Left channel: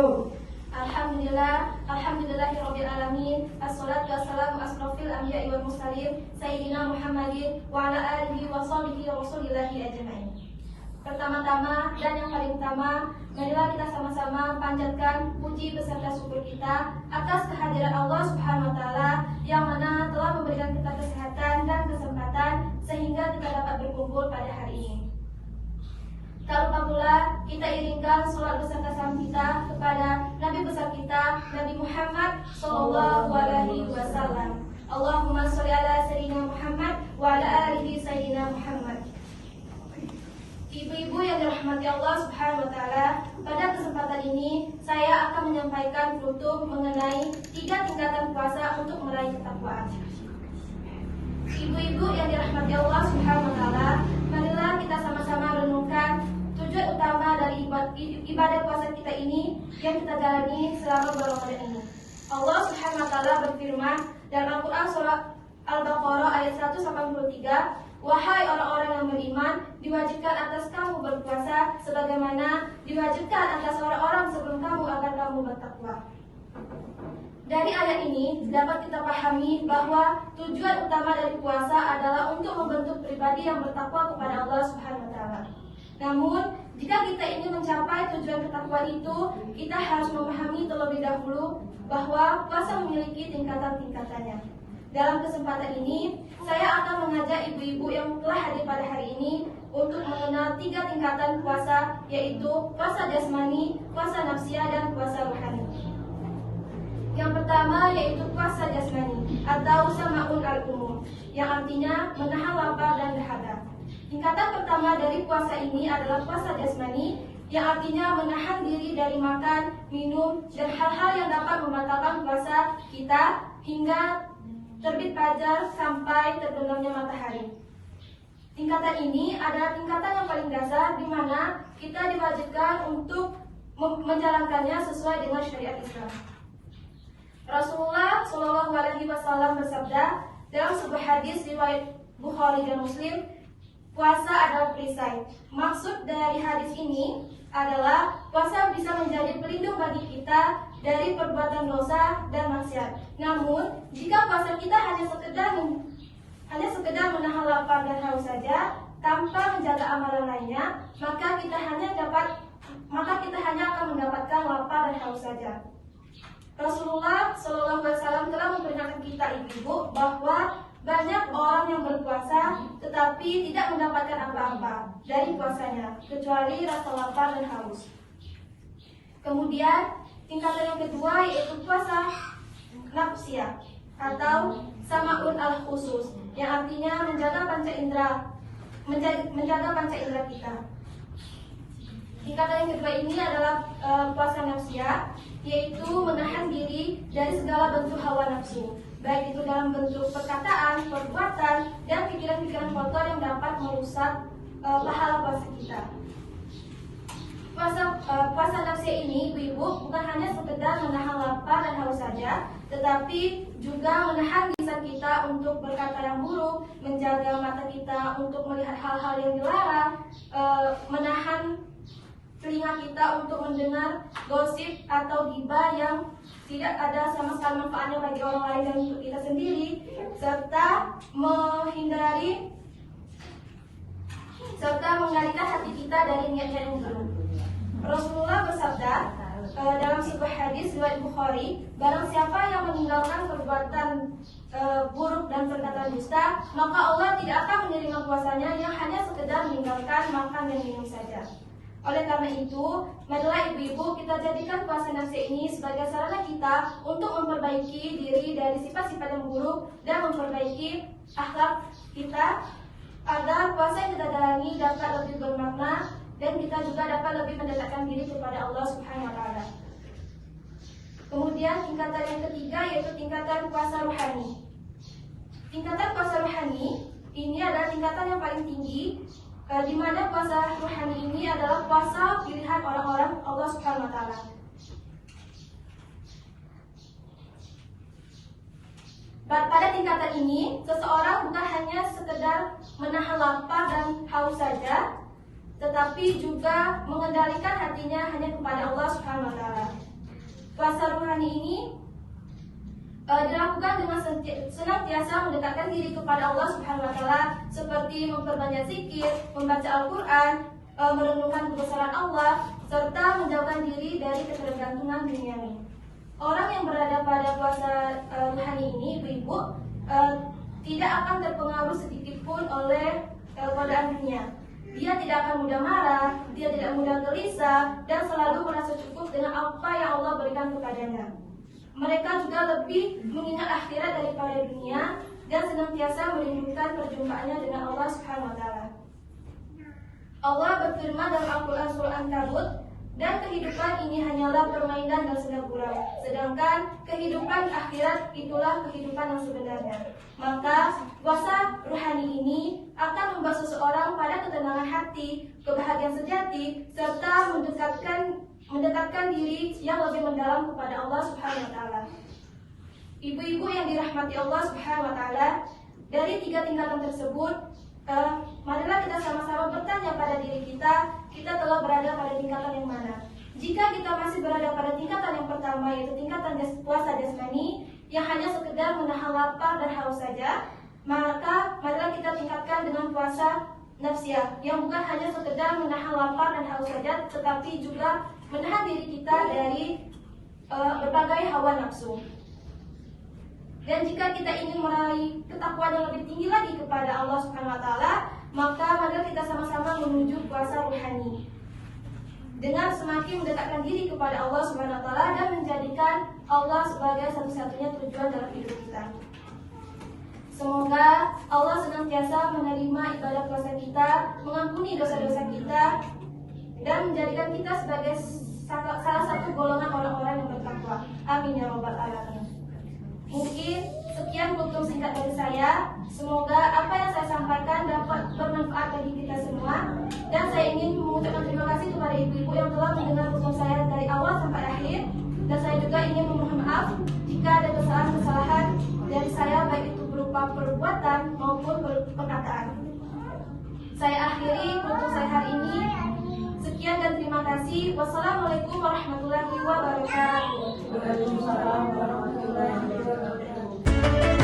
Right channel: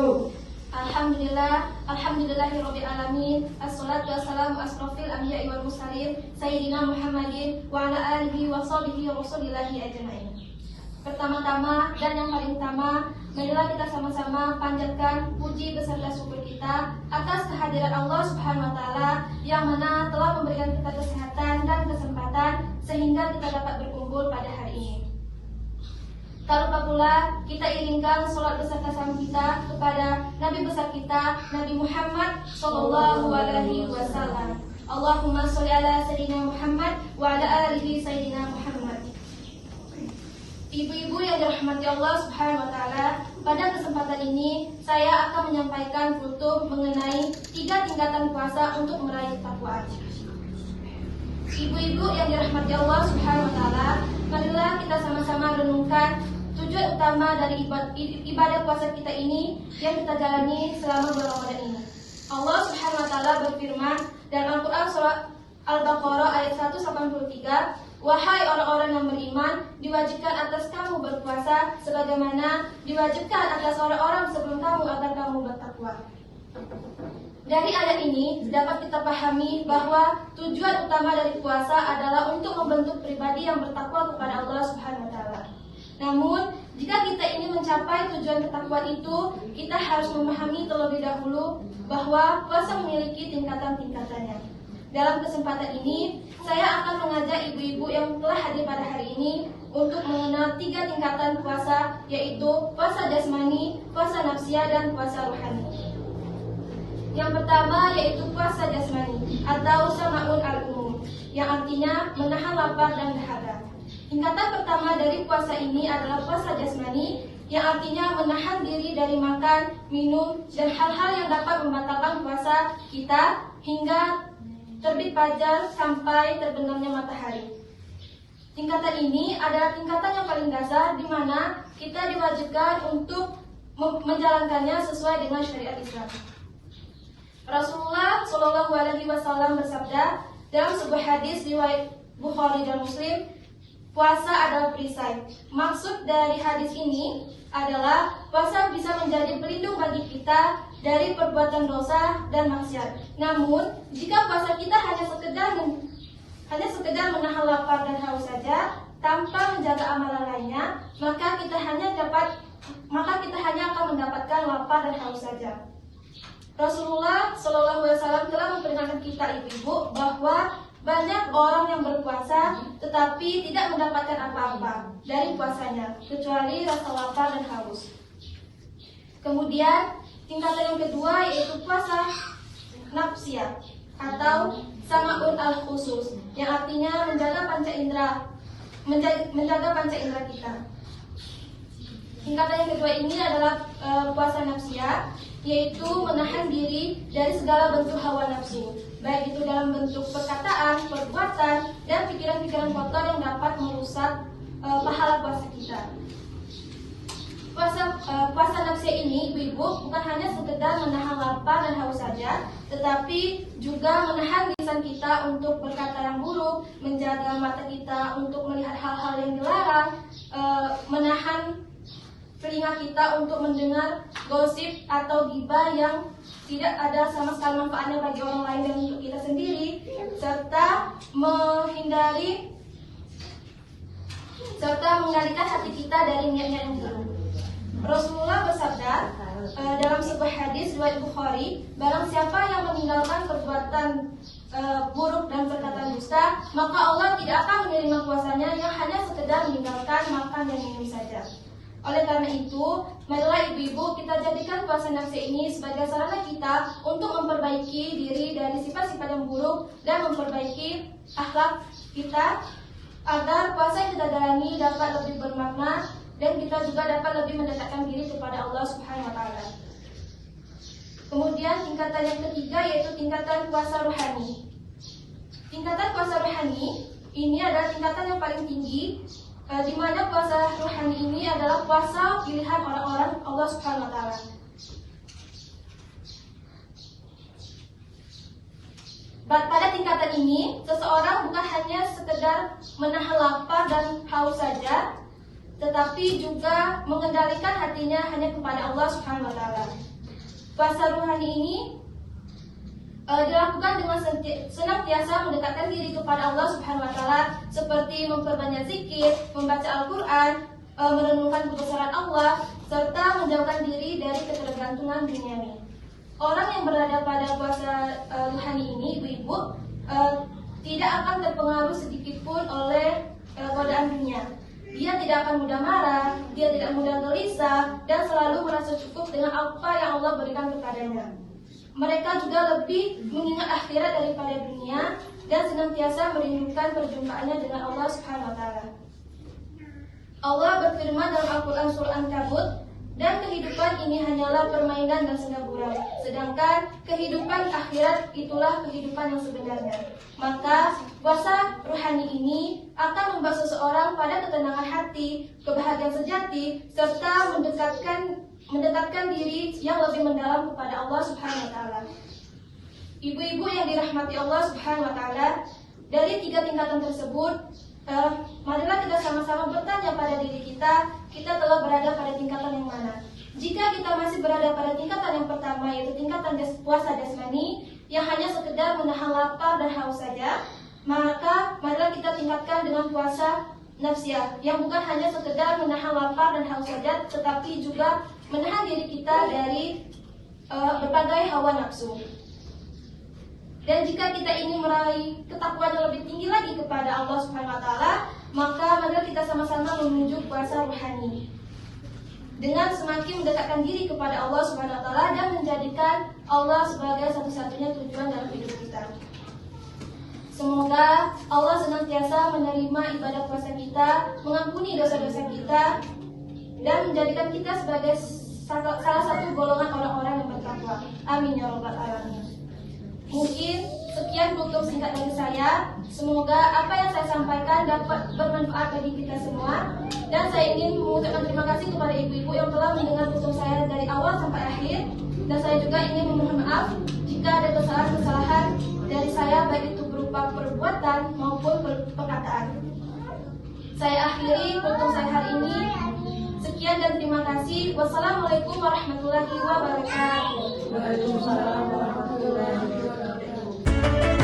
wabarakatuh. Alhamdulillahirabbil alamin. Assalatu wassalamu asrofil anbiya'i wal mursalin sayyidina Muhammadin wa ala alihi wa sahbihi rasulillahi ajmain. Pertama-tama dan yang paling utama, marilah kita sama-sama panjatkan puji beserta syukur kita atas kehadiran Allah Subhanahu wa taala yang mana telah memberikan kita kesehatan dan kesempatan sehingga kita dapat berkumpul pada hari ini. Tak lupa pula kita iringkan sholat beserta salam kita kepada Nabi besar kita, Nabi Muhammad Sallallahu Alaihi Wasallam. Allahumma sholli ala Sayyidina Muhammad wa ala alihi Sayyidina Muhammad. Ibu-ibu yang dirahmati Allah Subhanahu Wa Taala, pada kesempatan ini saya akan menyampaikan penutup mengenai 3 tingkatan puasa untuk meraih ketakwaan. Ibu-ibu yang dirahmati Allah Subhanahu Wa Taala, marilah kita sama-sama renungkan tujuan utama dari ibadah puasa kita ini yang kita jalani selama bulan Ramadan ini. Allah Subhanahu wa taala berfirman dalam Al-Qur'an surah Al-Baqarah ayat 183, "Wahai orang-orang yang beriman, diwajibkan atas kamu berpuasa sebagaimana diwajibkan atas orang-orang sebelum kamu agar kamu bertakwa." Dari ayat ini dapat kita pahami bahwa tujuan utama dari puasa adalah untuk membentuk pribadi yang bertakwa kepada Allah Subhanahu wa taala. Namun, jika kita ingin mencapai tujuan ketakwaan itu, kita harus memahami terlebih dahulu bahwa puasa memiliki tingkatan-tingkatannya. Dalam kesempatan ini, saya akan mengajak ibu-ibu yang telah hadir pada hari ini untuk mengenal 3 tingkatan puasa, yaitu puasa jasmani, puasa nafsiyah, dan puasa rohani. Yang pertama yaitu puasa jasmani atau sama'un al-umum, yang artinya menahan lapar dan dahaga. Tingkatan pertama dari puasa ini adalah puasa jasmani, yang artinya menahan diri dari makan, minum, dan hal-hal yang dapat membatalkan puasa kita hingga terbit fajar sampai terbenamnya matahari. Tingkatan ini adalah tingkatan yang paling dasar di mana kita diwajibkan untuk menjalankannya sesuai dengan syariat Islam. Rasulullah Shallallahu Alaihi Wasallam bersabda dalam sebuah hadis riwayat Bukhari dan Muslim, puasa adalah perisai. Maksud dari hadis ini adalah puasa bisa menjadi pelindung bagi kita dari perbuatan dosa dan maksiat. Namun, jika puasa kita hanya sekedar menahan lapar dan haus saja tanpa menjaga amalan lainnya, maka kita hanya akan mendapatkan lapar dan haus saja. Rasulullah Shallallahu Alaihi Wasallam telah memperingatkan kita ibu-ibu bahwa banyak orang yang berpuasa tetapi tidak mendapatkan apa-apa dari puasanya kecuali rasa lapar dan haus. Kemudian tingkatan yang kedua yaitu puasa nafsiyah atau sama'un al-khusus, yang artinya menjaga panca indera kita. Tingkatan yang kedua ini adalah puasa nafsiyah, yaitu menahan diri dari segala bentuk hawa nafsu, baik itu dalam bentuk perkataan, perbuatan, dan pikiran-pikiran kotor yang dapat merusak pahala puasa kita. Puasa nafsiyah ini, ibu-ibu, bukan hanya sekedar menahan lapar dan haus saja, tetapi juga menahan lisan kita untuk berkata yang buruk, menjaga mata kita untuk melihat hal-hal yang dilarang, menahan telinga kita untuk mendengar gosip atau ghibah yang tidak ada sama sekali manfaatnya bagi orang lain dan untuk kita sendiri, serta mengalihkan hati kita dari niat-niat yang buruk. Rasulullah bersabda dalam sebuah hadis riwayat Bukhari, barang siapa yang meninggalkan perbuatan buruk dan perkataan dusta, maka Allah tidak akan menerima puasanya yang hanya sekedar meninggalkan makan dan minum saja. Oleh karena itu, marilah ibu-ibu kita jadikan puasa nafsiyah ini sebagai sarana kita untuk memperbaiki diri dari sifat-sifat yang buruk dan memperbaiki akhlak kita agar puasa yang kita jalani dapat lebih bermakna dan kita juga dapat lebih mendekatkan diri kepada Allah Subhanahu wa taala. Kemudian tingkatan yang ketiga yaitu tingkatan puasa rohani. Tingkatan puasa rohani ini adalah tingkatan yang paling tinggi, di mana puasa rohani ini adalah puasa pilihan orang-orang Allah Subhanahu wa taala. Pada tingkatan ini, seseorang bukan hanya sekedar menahan lapar dan haus saja, tetapi juga mengendalikan hatinya hanya kepada Allah Subhanahu wa taala. puasa rohani ini dilakukan dengan senantiasa mendekatkan diri kepada Allah Subhanahu wa taala, seperti memperbanyak zikir, membaca Al-Qur'an, merenungkan kebesaran Allah, serta menjauhkan diri dari ketergantungan duniawi. Orang yang berada pada puasa rohani ini, ibu-ibu, tidak akan terpengaruh sedikitpun oleh godaan dunia. Dia tidak akan mudah marah, dia tidak mudah gelisah, dan selalu merasa cukup dengan apa yang Allah berikan kepadanya. Mereka juga lebih mengingat akhirat daripada dunia dan senantiasa merindukan perjumpaannya dengan Allah Subhanahu wa taala. Allah berfirman dalam Al-Qur'an surah An-Kabut, dan kehidupan ini hanyalah permainan dan senda gurau, sedangkan kehidupan akhirat itulah kehidupan yang sebenarnya. Maka puasa rohani ini akan membawa seseorang pada ketenangan hati, kebahagiaan sejati, serta mendekatkan diri yang lebih mendalam kepada Allah Subhanahu wa taala. Ibu-ibu yang dirahmati Allah Subhanahu wa taala, dari 3 tingkatan tersebut, marilah kita sama-sama bertanya pada diri kita telah berada pada tingkatan yang mana. Jika kita masih berada pada tingkatan yang pertama, yaitu tingkatan puasa jasmani yang hanya sekedar menahan lapar dan haus saja, maka marilah kita tingkatkan dengan puasa nafsiyah yang bukan hanya sekedar menahan lapar dan haus saja, tetapi juga menahan diri kita dari berbagai hawa nafsu. Dan jika kita ingin meraih ketakwaan yang lebih tinggi lagi kepada Allah Subhanahu wa taala, maka marilah kita sama-sama menuju puasa rohani dengan semakin mendekatkan diri kepada Allah Subhanahu wa taala dan menjadikan Allah sebagai satu-satunya tujuan dalam hidup kita. Semoga Allah senantiasa menerima ibadah puasa kita, mengampuni dosa-dosa kita, dan menjadikan kita sebagai salah satu golongan orang-orang yang bertakwa. Amin ya rabbal alamin. Mungkin sekian tutup singkat dari saya. Semoga apa yang saya sampaikan dapat bermanfaat bagi kita semua. Dan saya ingin mengucapkan terima kasih kepada ibu-ibu yang telah mendengar tutup saya dari awal sampai akhir. Dan saya juga ingin memohon maaf jika ada kesalahan-kesalahan dari saya, baik itu berupa perbuatan maupun perkataan. Saya akhiri tutup saya hari ini. Sekian dan terima kasih. Wassalamualaikum warahmatullahi wabarakatuh. Waalaikumsalam warahmatullahi wabarakatuh.